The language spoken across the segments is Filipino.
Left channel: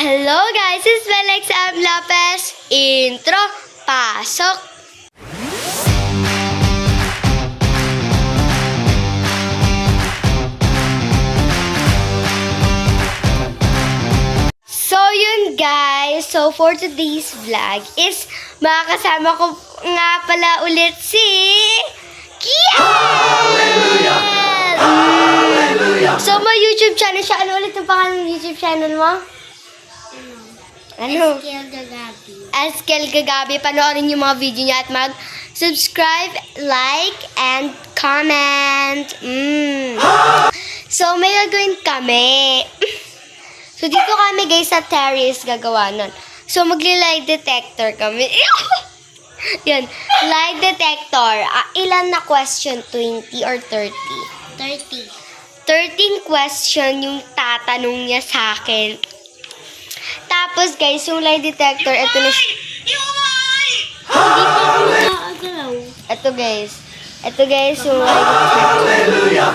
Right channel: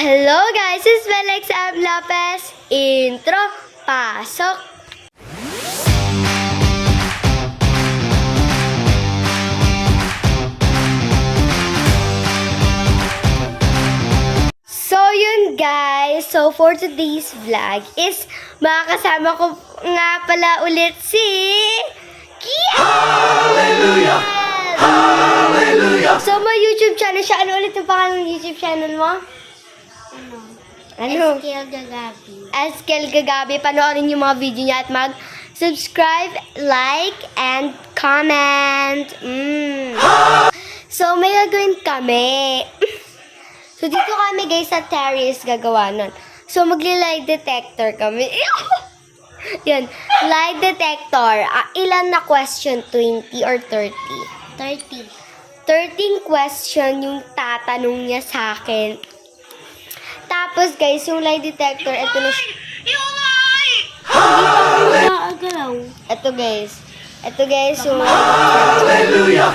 Hello guys, it's Felix M. Lopez. Intro, pasok! So yun guys, so for today's vlog is makakasama ko nga pala ulit si Kian! Hallelujah! Hallelujah! So may YouTube channel siya. Ano ulit yung pangalan ng YouTube channel mo? Ano? Eskel Gagabi. Eskel Gagabi. Panoorin yung mga video niya at mag-subscribe, like, and comment. So, may gagawin kami. So, dito kami guys sa terrace gagawa nun. So, magli-lie detector kami. Yan. Lie detector. Ilan na question? 20 or 30? 30. 13 question yung tatanong niya sa akin. Tapos guys, yung lie detector, ito na siya. Agalaw. Ito guys. Ito guys, yung lie detector. Hallelujah!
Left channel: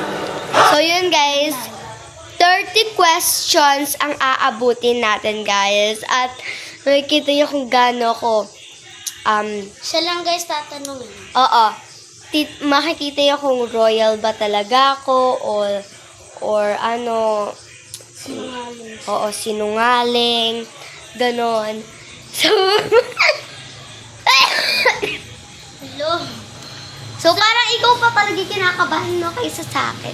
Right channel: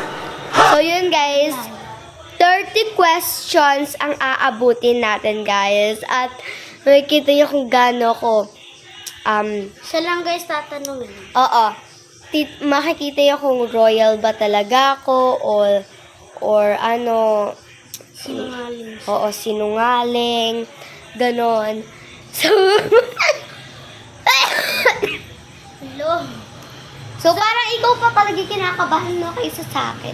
So yun guys, 30 questions ang aabutin natin guys. At makikita niyo kung gaano ko, Siya lang guys tatanungin. oo, makikita niyo kung royal ba talaga ako or ano, Sinungaling. oo, sinungaling, ganon. So, Hello. parang ikaw pa talaga kinakabahan no kaysa sa akin.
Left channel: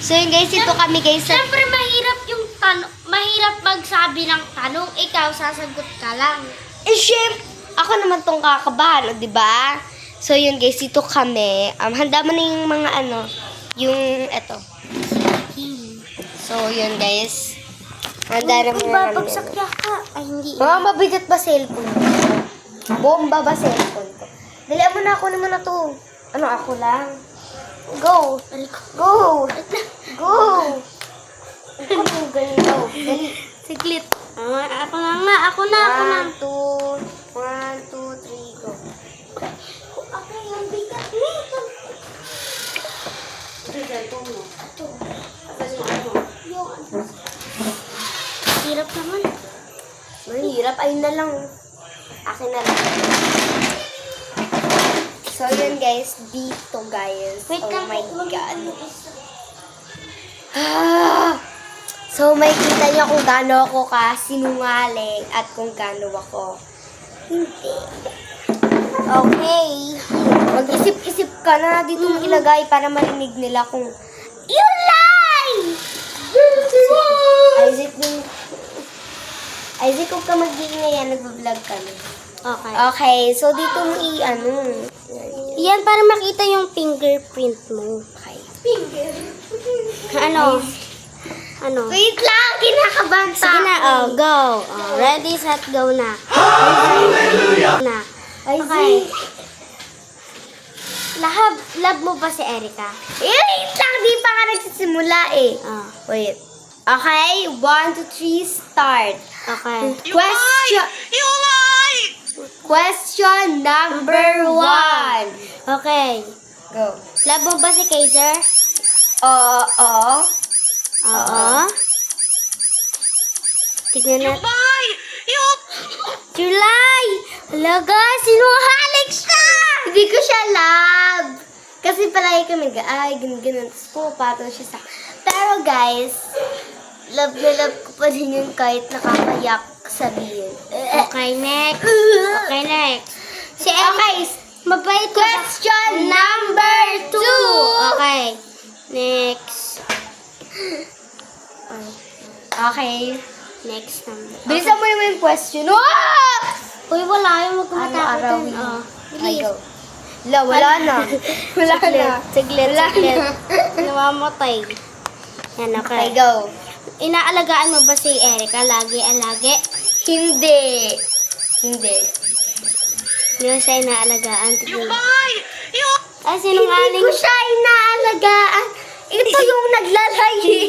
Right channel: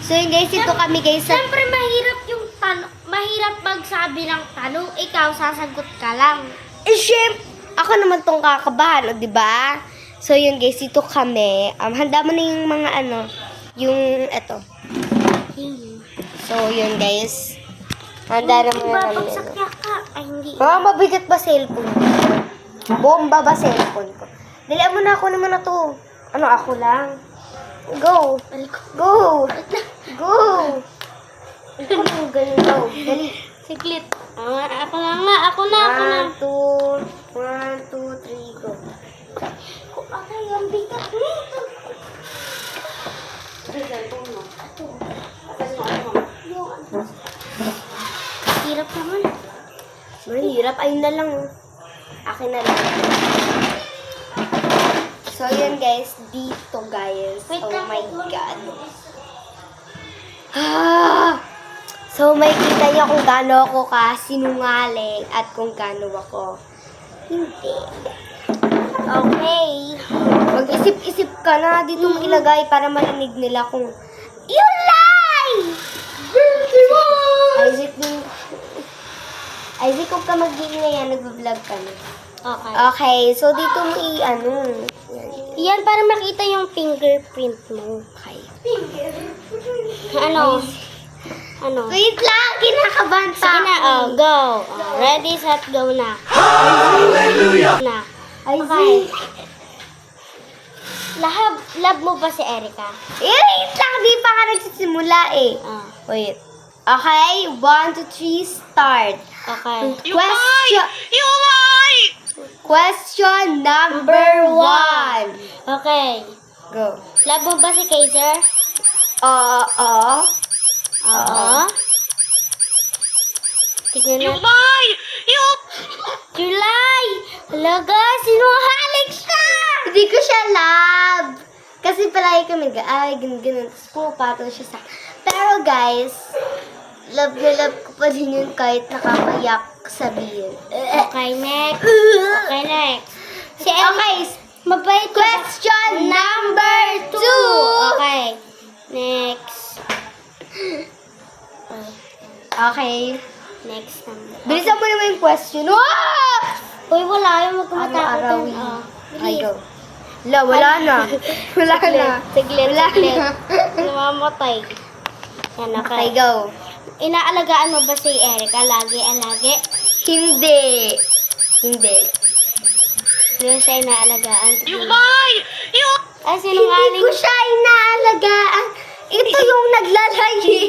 So yun guys, ito kami guys sa... Siyempre mahirap yung tanong. Mahirap magsabi ng tanong. Ikaw sasagot ka lang. Syempre, ako naman tong kakabahan, o, diba? So yun guys, ito kami. Handa mo na yung mga ano, yung eto. So yun guys. Handa na muna kami. Babagsak ka. Ay hindi. Mabigat ba cellphone ko? Bomba ba cellphone ko? Dalian mo na ako naman na to. Ano, ako lang? Go! Go! Go! Go! Ganyan daw. Dali. Siglit. Ako na. 1, 2, 3, go. Ay, ang bigat nito. Hirap naman. Mahirap. Ayun na lang. Akin na lang. So, yun guys. Dito guys. Wait Oh lang. my God. So, may kita niyo kung gaano ako sinungaling at kung gaano ako hindi. Okay. Mag-isip-isip ka na. Dito mo ilagay para marinig nila kung you lie! Isaac, kung ka mag-iingay yan, nag-vlog ka na. Okay. Okay, so dito mo i-ano. Yan, para makita yung fingerprint mo. Okay. Ano? Ano? Wait lang, kinakabahan pa. Sige na, go. Ready, set, go na. Hallelujah! Na. Isaac. Love mo ba si Erica? Wait lang, di pa ka nagsisimula eh. Wait. Okay, 1, 2, 3, start. Okay. Question number 1. Okay. Go. Love mo ba si Kaiser? Oo. Oo. Tignan na. July! Halaga, sinungaling siya! Hindi ko siya love. Kasi palagi kami ganun. Tapos pupato siya sa... Pero guys, love na love ko pa din yun kahit nakakayak sabihin. Okay, next. Okay, next. Si Erica. Okay, Mabait ka. question number 2. Okay. Next. Okay. Next number. Bilisan mo naman yung question. Wow! Uy, wala yung magkumatakotan. Ano, Ay, go. Wala na. Wala na. Siglit, Wala siglit. na. Namamatay. Yan, Okay, okay. go. Inaalagaan mo ba si Erica? Lagi? Hindi. Hindi siya inaalagaan. Ay, Hindi sinungaling. ko siya inaalagaan. Ito yung naglalagi.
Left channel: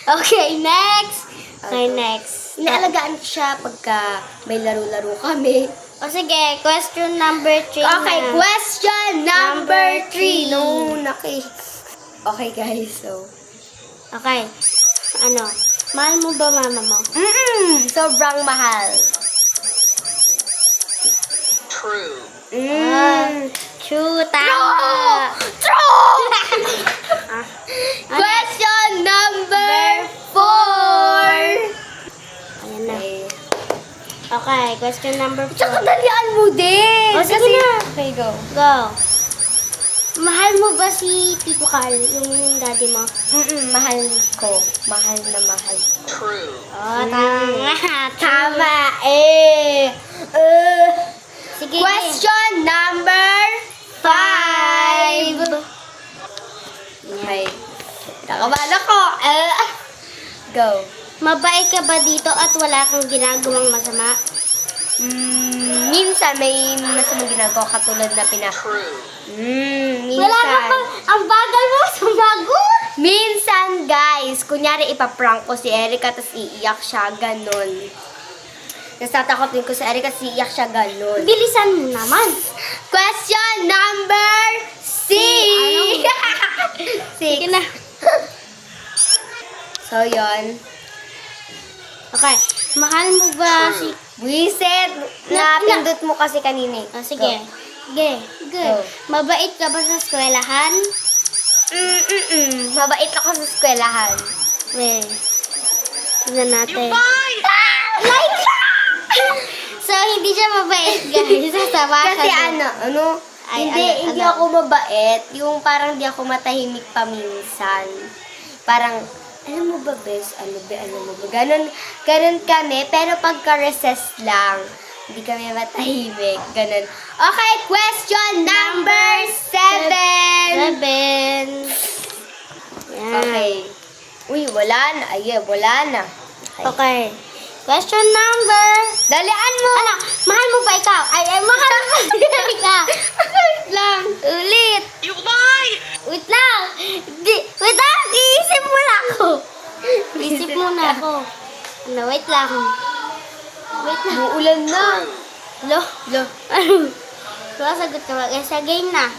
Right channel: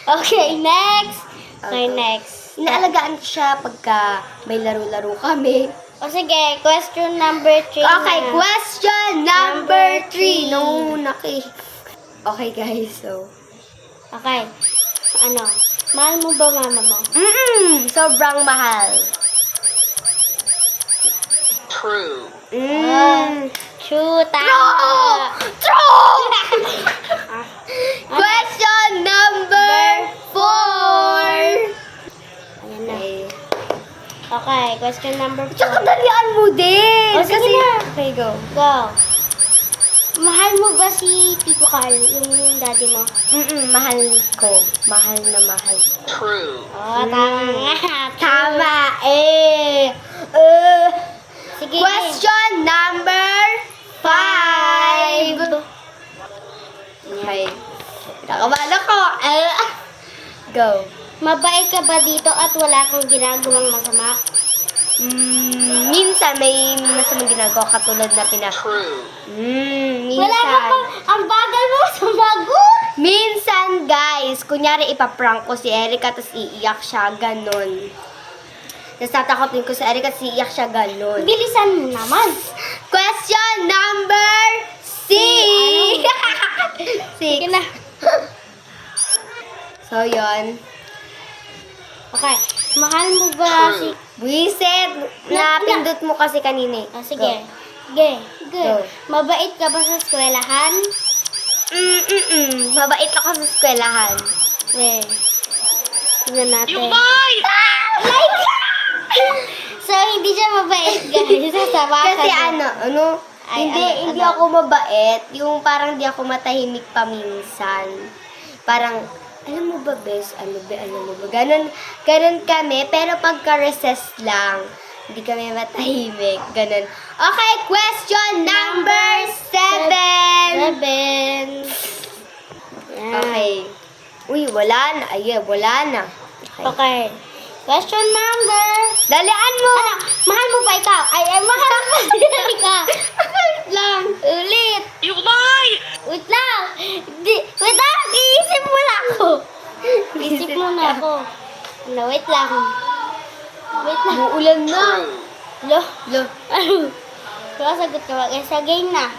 Okay, next. Okay, next. Inaalagaan ko siya pagka may laro-laro kami. O sige, question number 3 Okay, na. question number 3. Number No, Okay guys, so. Okay. Ano? Mahal mo ba mama mo? Sobrang mahal. True. True, tama. True! Question number 4. Ayan na. Okay, question number 4. Tsaka dalian mo din. O, sige na. Okay, go. Go. Mahal mo ba si Tito Carl, yung daddy mo? Mahal ko. Mahal na mahal ko. True. Oh, tama. Tama Sige. Question number 5. Okay. Nakabahan ako. Go. Mabait ka ba dito at wala kang ginagawang masama? Minsan may masamang ginagawa katulad na True. minsan. Wala ka pang, ang bagal mo, sumagot! Minsan, guys, kunyari ipaprank ko si Erica tapos iiyak siya, ganun. Tapos tatakotin ko si Erica tapos iiyak siya, ganun. Bilisan mo naman. Question number 6. Sige na. So, yun. Okay. Mahal mo ba si... Wiset! Napindot mo kasi kanina. Ah, sige. Sige. Go. Mabait ka ba sa eskwelahan? Mabait ako sa eskwelahan. Okay. Tignan natin. Like! So, hindi siya mabait, guys. Sasama ka Kasi na. hindi ako mabait. Yung parang di ako matahimik paminsan. Parang, alam mo ba, bes? Alam mo ba? Ganun kami, pero pagka-recess lang, hindi kami matahimik. Ganun. Okay, question number 7. 7. Yan. Okay. Uy, wala na. Wala na. Okay. Question number... Dalian mo! Ano? Mahal mo ba ikaw? Ay, mahal mo ba ikaw? Wait lang. Ulit. Wait lang. Wait lang. Iisip mo lang ako. Iisip mo na ako. Ano, wait lang. Wait lang. Uulan na. Lo. Ano? Sasagot ka ba? Sa game na.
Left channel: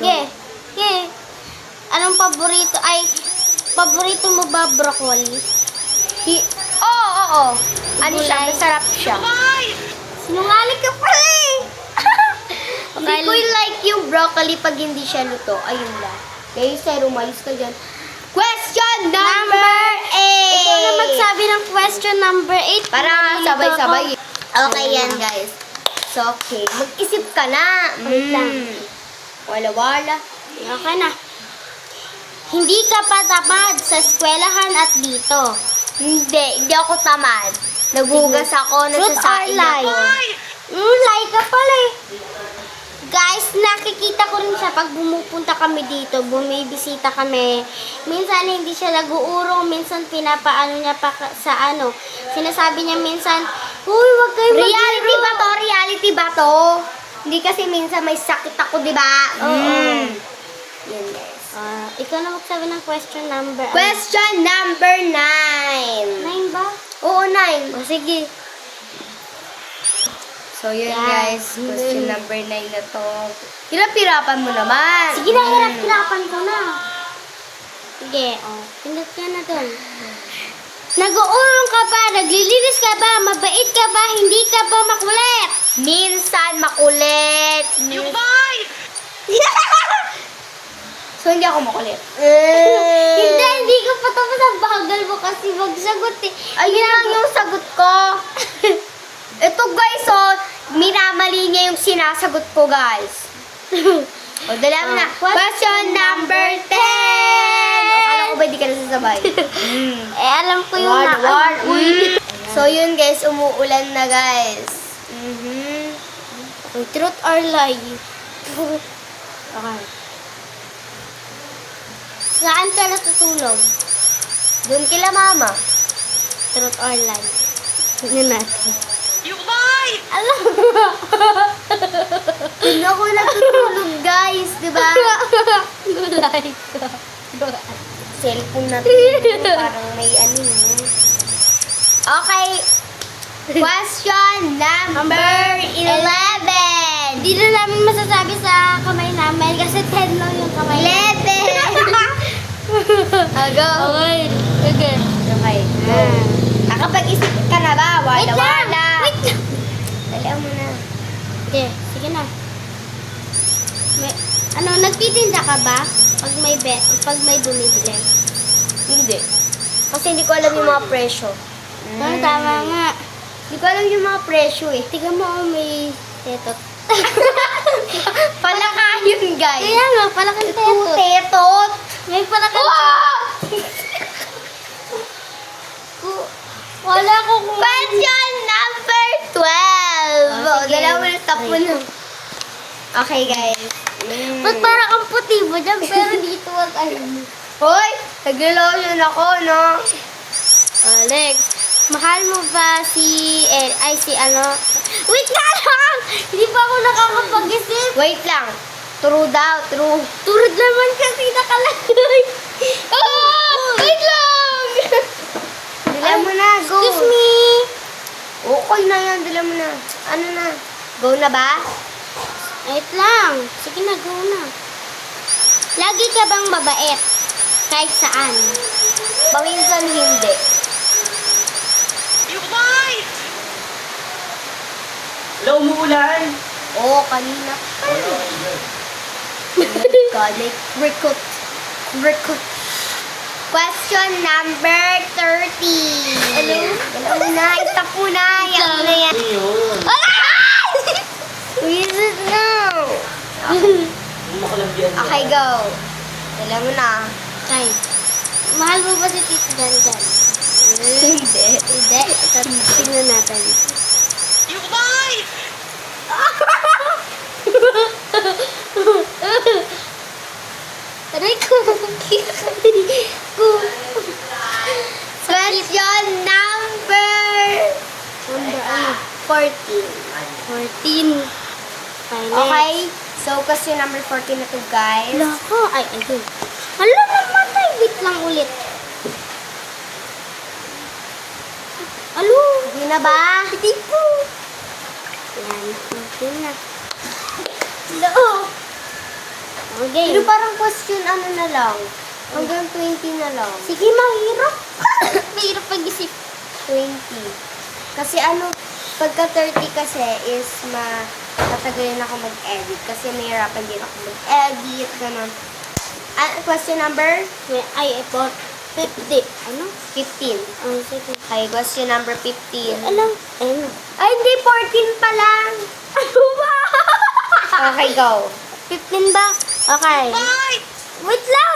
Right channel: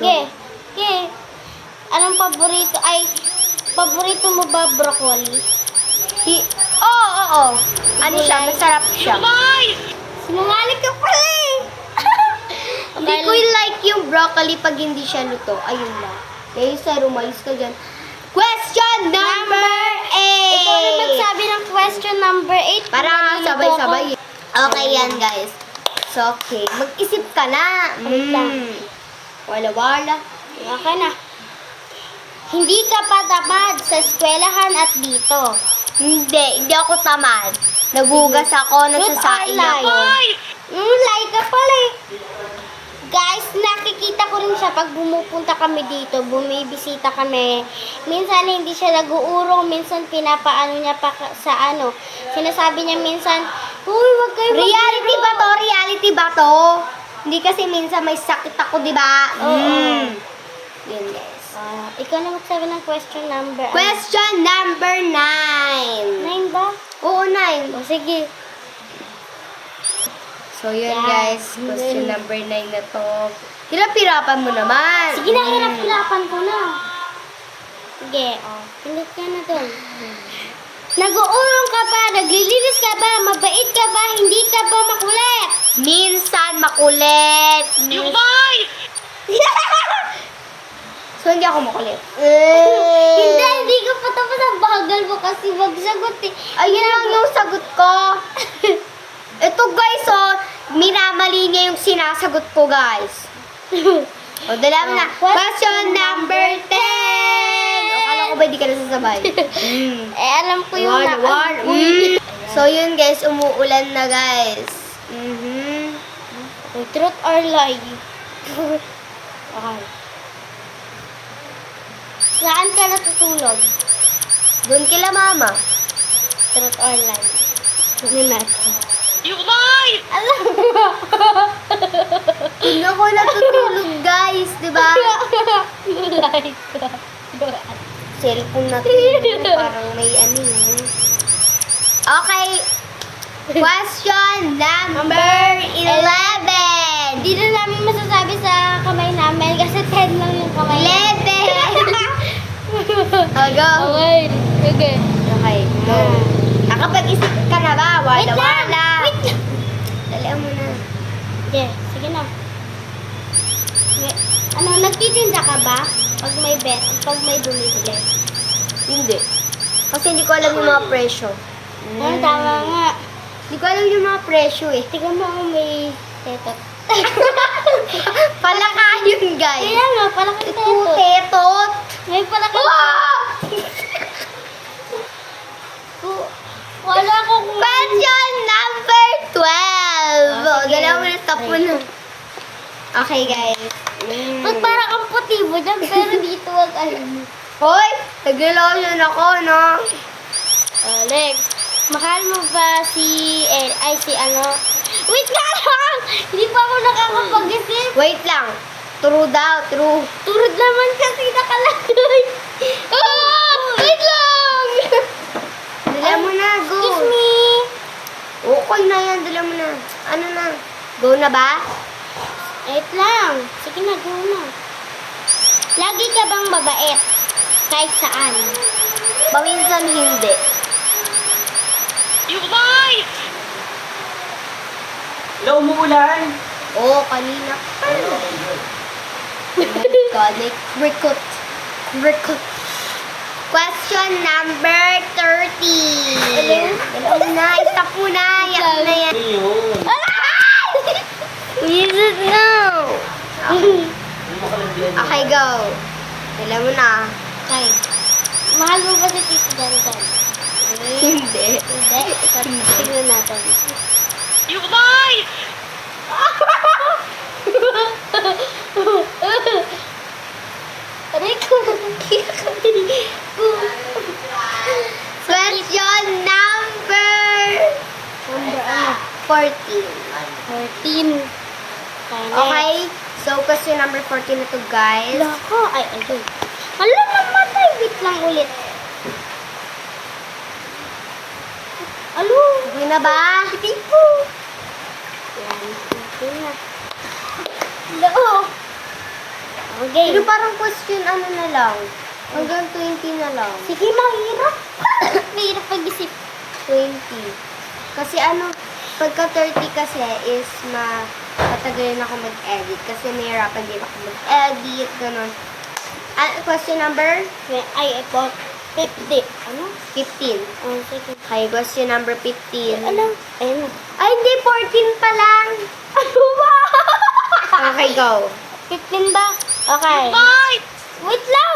Okay. Anong paborito? Paborito mo ba broccoli? Oo. Ano siya? Masarap siya. Sinungaling ka pala eh. Hindi ko like yung broccoli pag hindi siya luto. Ayun lang. Kaya sa rumayos ka dyan. Question number 8. Ikaw na magsabi ng question number 8. Para nga sabay-sabay. Okay yan, guys. So, okay. Mag-isip ka na. Wait lang. Wala. Okay na. Hindi ka pa tamad sa eskwelahan at dito. Hindi ako tamad. Nagugas ako, nagsasain ako. Lie ka pala eh. Guys, nakikita ko rin siya pag bumupunta kami dito, bumibisita kami. Minsan hindi siya nag-uurong, minsan pinapaano niya pa sa ano. Sinasabi niya minsan, uy, wag kayo Reality ba to? Reality ba to? Hindi kasi minsan may sakit ako, di ba? Yan, guys. Ikaw na magsabi ng question number. Question number 9. 9 ba? Oo, 9. O, sige. So, yun, Yan. guys. Question number 9 na to. Hirap-hirapan mo naman. Sige na, hirap-hirapan ko na. Sige, pinit ka na doon. Nag-uurong ka ba? Naglilinis ka ba? Mabait ka ba? Hindi ka ba makulit? Minsan makulit. So, hindi ako makulit. Hindi ko pa tapos ang bagal mo kasi magsagot eh. Ayun lang yung sagot ko. Ito, guys, minamali niya yung sinasagot ko, guys. O, dala mo na. Question number 10. O, alam ko ba di ka nasasabay? Alam ko yung Uy. So, yun, guys. Umuulan na, guys. Truth or lie? Okay. Saan ka natutulog? Doon kila mama. Truth or lie? Yun natin. Alam mo. Doon ako natutulog, guys. Diba? Lie ka. Cellphone natin. Parang may ano yun. Okay. Question number 11. Hindi na namin masasabi sa kamay namin kasi 10 lang yung kamay. 11. Go. Okay. Sige. Okay. Nakapag-isip ka na ba? Wait lang! Wala-wala. Wait lang! Alam mo na. Okay, sige na. Nagtitinda ka ba? Pag may bumibili. Hindi. Kasi hindi ko alam yung mga presyo. Tama nga. Hindi ko alam yung mga presyo eh. Tingnan mo kung may tetot. Palaka yun, guys. Kaya nga, pala kang Ito, tetot. tetot. May pala kang Wala ko kung... Question number 12. Oh, dalawa na tapon. Okay, guys. Ba't parang ang puti mo dyan, pero dito wag alam mo. Hoy, tagilaw yun ako, no? Lex, mahal mo ba si Wait nga lang! Hindi pa ako nakakapag-isip. Wait lang. True daw, true. Turod naman kasi nakalagay. Wait lang! Dila mo na, go. Excuse me. Okay na yan, dila mo na. Ano na? Go na ba? Wait lang. Sige na, go na. Lagi ka bang mabait? Kahit saan? Paminsan hindi. You lied! Hello, umuulan. Oo, kanina. Galit. Recruit. Question number 30. Dalawa na, isa po na. Yan na yan. Ano yun? Is it now? Hindi makalagyan. Okay, go. Dala mo na. Ay. Mahal mo ba si Tito Jan Jan? Hindi. Hindi. Tignan natin. You lied! Aray ko. Question number 14. 14. Okay? So, question number 14 na to, guys. Wala ko. Ay, ayun. Hala naman tayo. Wait lang ulit. Alo. Okay na ba? Hindi po. Yan. Okay na. Hello. Okay. Pero parang question ano na lang. Hanggang 20 na lang. Sige, mahirap. Mahirap pag-isip. 20. Kasi ano, pagka 30 kasi is matagal ako mag-edit. Kasi mahirapan din ako mag-edit, ganun. Question number Ay, ito. 50. Ano? 15. Sige. Okay, question number 15. Ano? Ano? Ay, hindi, 14 pa lang. Ano ba? Okay, go. 15 ba? Okay. Lied! Wait lang!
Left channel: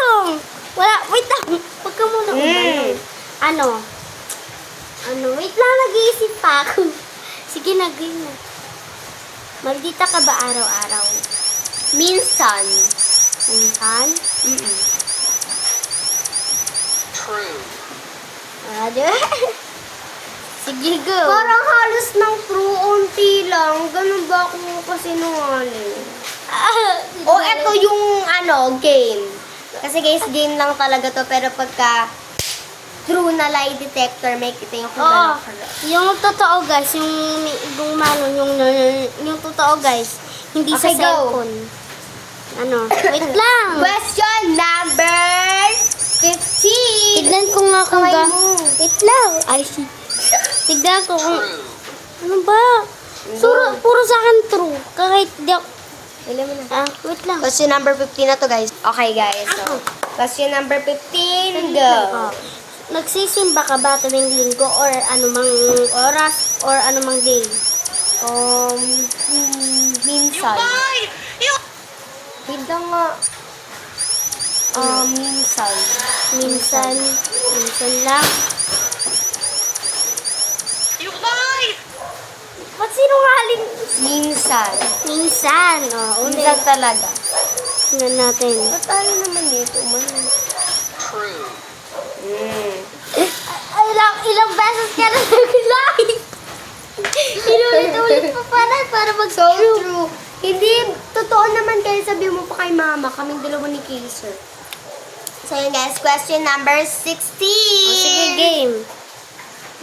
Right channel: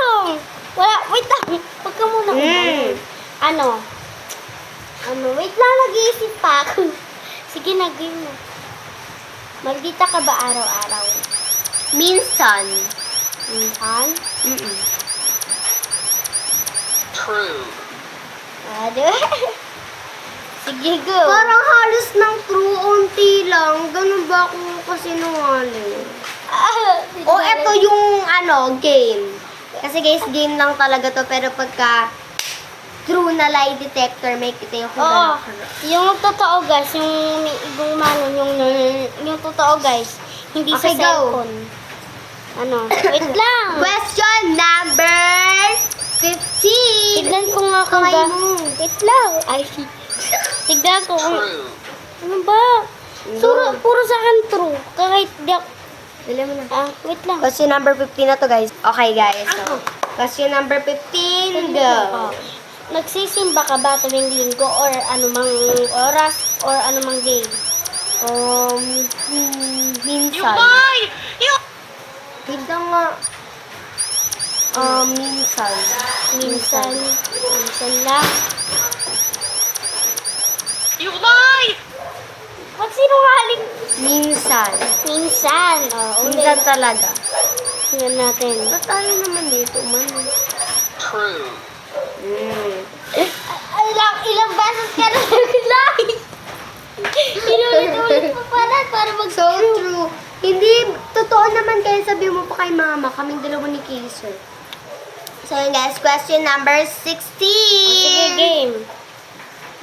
Wala, wait lang. Huwag ka muna umayon. Ano? Wait lang, nag-iisip pa ako. Sige, nag-game na. Maldita ka ba araw-araw? Minsan. Minsan? True. Ano? Sige, go. Parang halos ng true, unti lang. Ganun ba ako kasi nungaling? O, eto yung game. Kasi guys, game lang talaga to. Pero pagka true na lie detector, may kita yung kung Oo. gano'n ka. Yung totoo guys, yung totoo guys, hindi sa Okay, go. cellphone. Wait lang. Question number 15. Tignan ko nga kung Kamay ba. mo. Wait lang. Ay, tignan ko kung. True. Ano ba? Puro sa akin true. Kahit di ako. Alam mo na. Wait lang. Question number 15 na to, guys. Okay, guys. So, question number 15, go. Nagsisimba ka ba tuwing linggo or anumang oras or anumang day? You Minsan. lied! You Hindi nga. Minsan. Minsan lang. You lied! Ba't sinungaling? Minsan. Minsan. Minsan talaga. Tingnan natin. Ba't tayo naman dito, man? True. Ilang beses ka na nag-like. Inulit-ulit pa para So true. Hindi, totoo naman kayo sabi mo pa kay mama, kaming dalawa ni Kaiser. So yun guys, question number 16. Sige, game.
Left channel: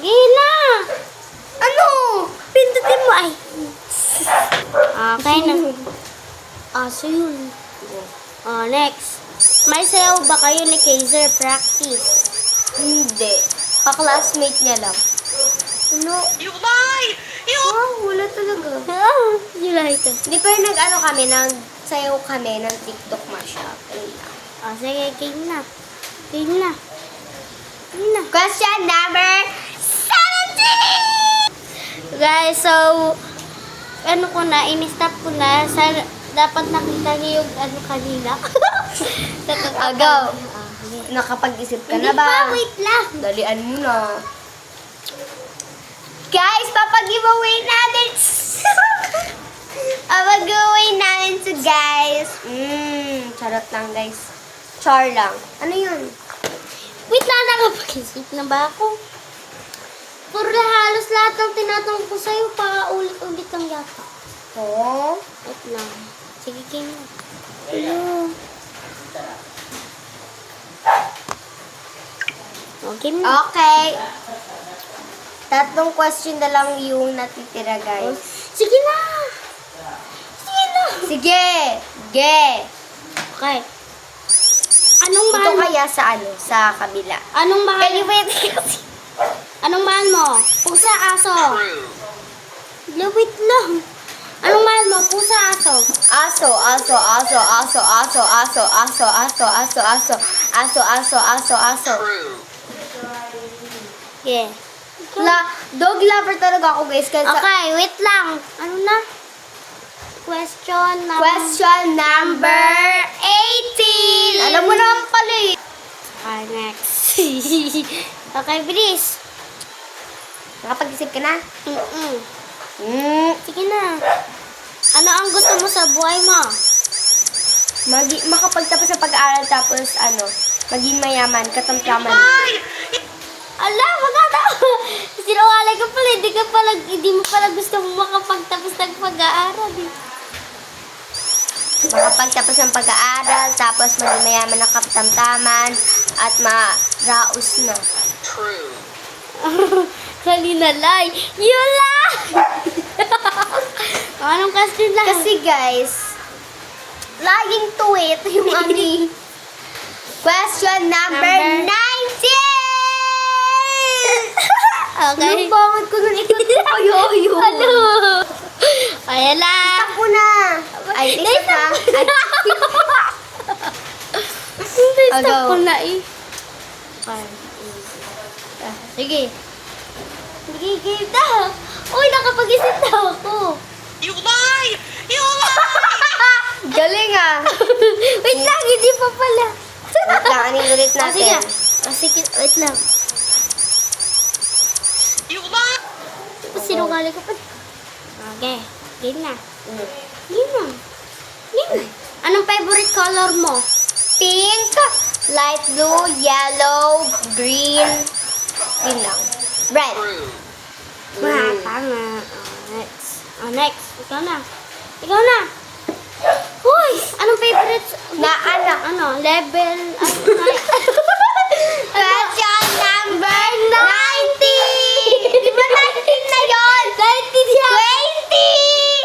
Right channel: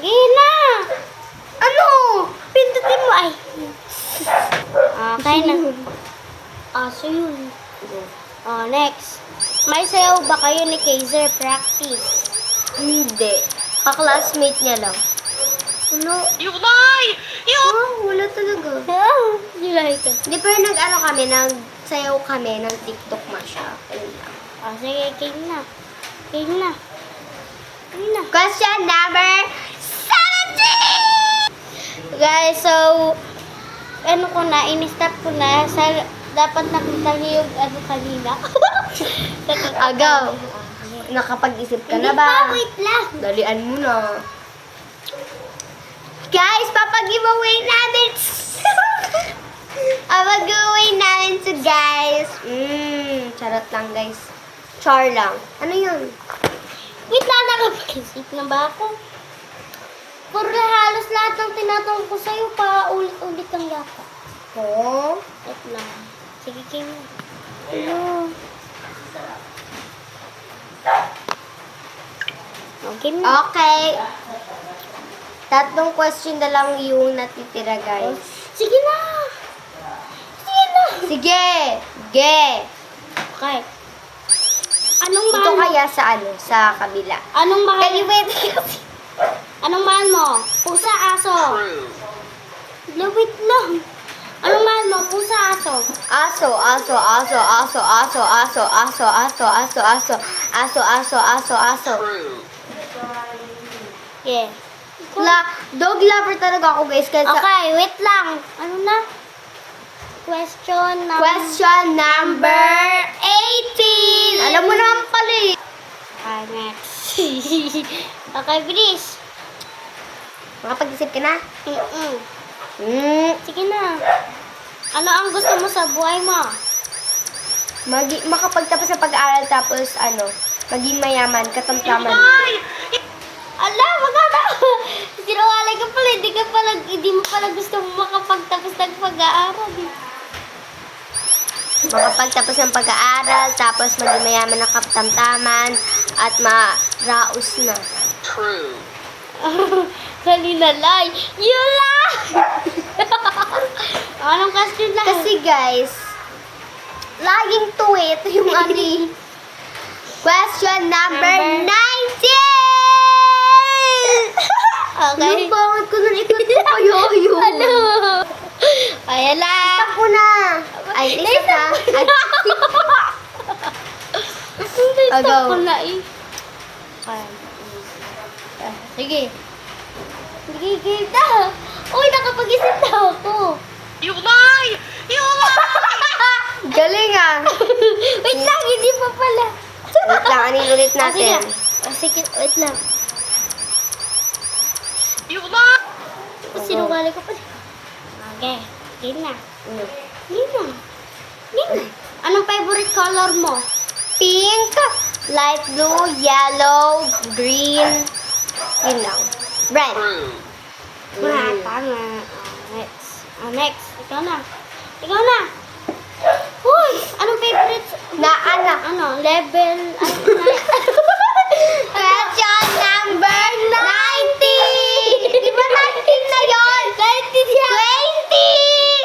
Game na! Ano? Pindutin mo ay. Okay na. So yun. Next. May sayaw ba kayo ni Kaiser practice? Hindi. Ka-classmate niya lang. Ano? You lie! You Oh, wala talaga. You like it. Hindi pa yung nag-ano kami, nagsayaw kami ng TikTok mashup. Ayun lang. Oh, sige, game na. Game na. Game na. Question number 17! Guys, so, ano ko na, in-stop ko na. Dapat nakita niyo yung ano kanina. Agaw. Nakapag-isip ka Hindi na ba? pa, wait lang. Dalian mo na. Guys, papag-giveaway natin. Papag-giveaway natin to guys. Charot lang guys. Char lang. Ano yun? Wait lang, nakapag-isip na ba ako? Puro na halos lahat ng tinatanong ko sa'yo, pa-ulit-ulit ang dapat. Oh. Wait lang. Sige, game na. Ayun. Oh, game na. Okay. Tatlong question na lang yung natitira guys. Sige na! Sige na! Sige. Ge. Okay. Anong Ito mahal mo? kaya sa ano? Sa kabila. Anong mahal Can you mo? wait? Anong mahal mo? Pusa, aso. true. Wait lang. Anong mahal mo? Pusa, aso. Aso, aso, aso, aso, aso, aso, aso, aso, aso, aso, aso, aso, aso, aso. True. Yeah. Dog lover talaga ako guys. Kasi Okay, wait lang. Ano na? Question number... question number 18. Alam mo naman pala eh. Next. Okay, bilis. Makapag-isip ka na? Mm-mm. Sige na. Ano ang gusto mo sa buhay mo? Makapagtapos sa pag-aaral tapos ano, maging mayaman, katamtaman. Ala, maganda. Sinungaling ka pala. Hindi mo pala gusto mo makapagtapos ng pag-aaral. Makapagtapos ng pag-aaral, tapos maging mayaman na katamtaman, at maraos na. True. Kanina lie. Yun lang! Anong question lang? Kasi guys, laging tuwi. Ito yung ani. Question number 19! Okay. Nung bakit ko nung ikot ko kayo yun? Ano? Ayan lang. Isa ko na. Ay, isa na. Ay, Stop Go. ko na eh. sige. Nagigil na. Uy, nakapag-isip na ako. You lie! You lie! Galing ah. Wait lang, hindi pa pala. Wait lang, anin ulit Ah, sige. natin. Sige, wait lang. You lie! Sinungaling ko pa. Okay, game na. Mm. Game na. Game na. Anong favorite color mo? Pink, light blue, yellow, green. Yun lang. Red. True. Tama. Next. Next. Ikaw na. Ikaw na. Uy! Anong favorite? Na anak. Ano? Level? Question number 90! Di ba 19 na yun? 20!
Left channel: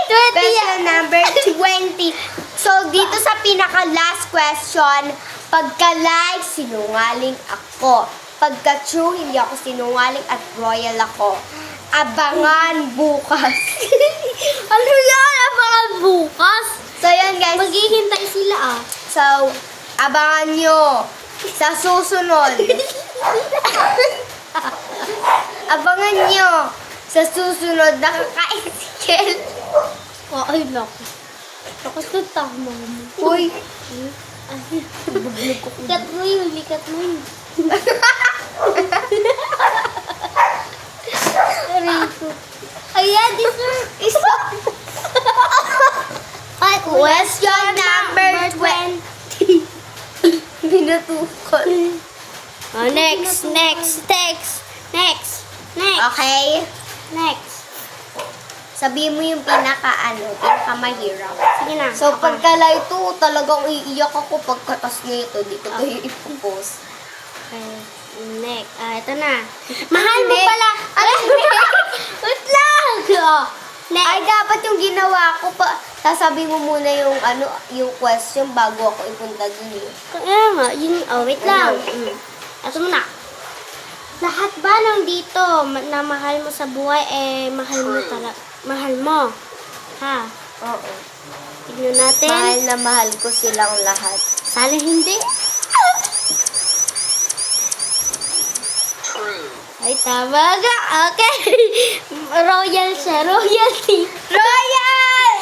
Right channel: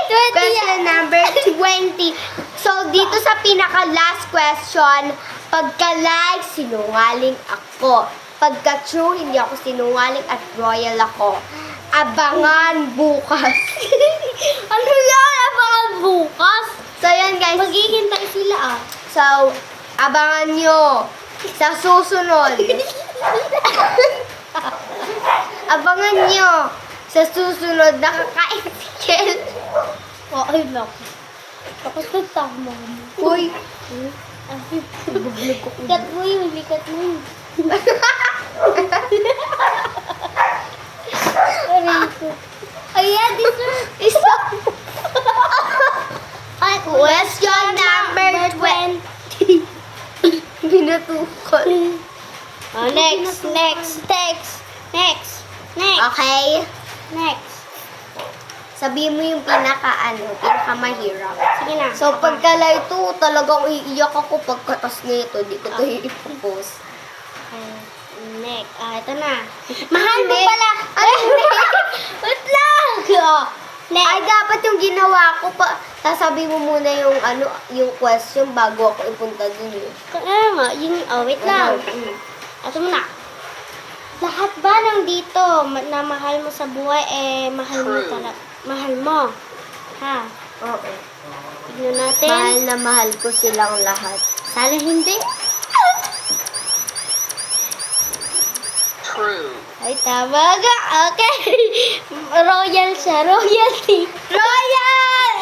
Question number 20. So, dito sa pinaka-last question, pagka-like, sinungaling ako. Pagka-true, hindi ako sinungaling at royal ako. Abangan bukas. Ano yan? Abangan bukas? So, yan guys. Maghihintay sila ah. So, abangan nyo sa susunod. Abangan nyo sa susunod na kakain si Kel. Oh, ay naku. Bakit ka tama mo? Uy, Cut mo yun, likat mo yun. Aray ko. Ayan, dessert. isa. Question number 20. Binutukol. Oh, next. Okay? Next. Sabihin mo yung pinakamahirap. Sige na. So, pagkala ito, talagang iiyak ako pagkatas nito. Di ko ito ipopost. Okay. Next. Ito na. Mahal mo Next. pala. Wait lang. Oh, next. Ay, dapat yung ginawa ko pa. Sasabi mo muna yung yung question bago ako ipunta dun eh. Kaya nga, yun, wait lang. Ito mo na. Lahat ba nandito na mahal mo sa buhay, mahal mo True. talaga. Mahal mo. Ha? Oo. Tignan natin. Mahal na mahal ko silang lahat. Sana hindi. True. Ay, tama ka. Okay. Royal siya. Royalty. Royal!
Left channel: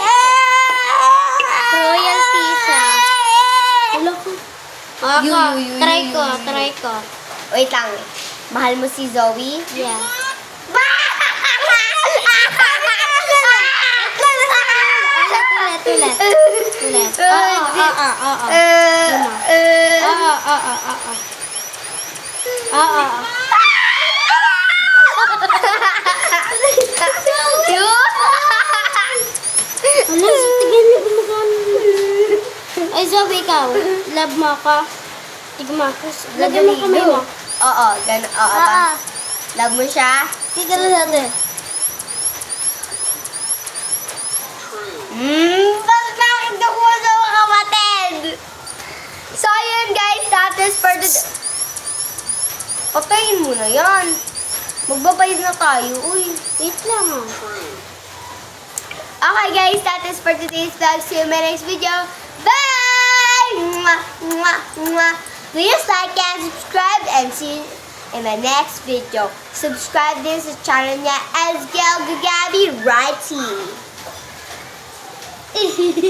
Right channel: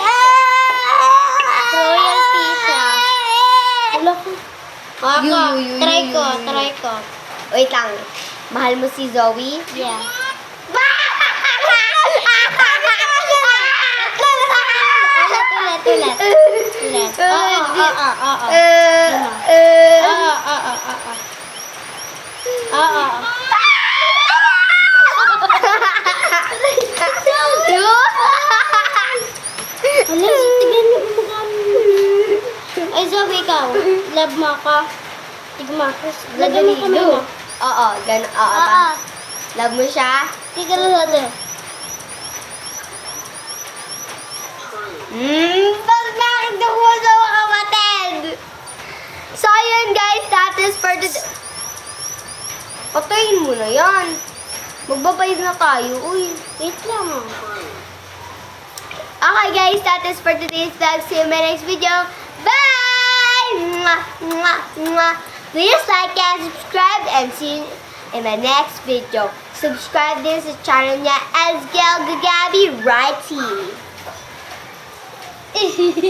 Royalty siya. Hello ko. You. Try ko. Wait lang. Mahal mo si Zoe? Yeah. Ulit. Oo. Oo. Ano, tignan mo gumagano. Ay, Zoe, ikaw. Love mo ako. Tignan mo ako. Lagyan mo kamay mo. Oo, ganun. Oo, ba? Love mo siya? Tignan natin. Pag nakita ko sa mga kapatid. So, ayun guys, that is for the... Patayin mo na yan. Magbabayad na tayo. Uy. Wait lang. True. Okay guys, that is for today's vlog. See you in my next video. Bye! Mwah, mwah, mwah. Please like and subscribe and see you in my next video. Subscribe din sa channel niya, Esgel Gagabi Righty. Bye!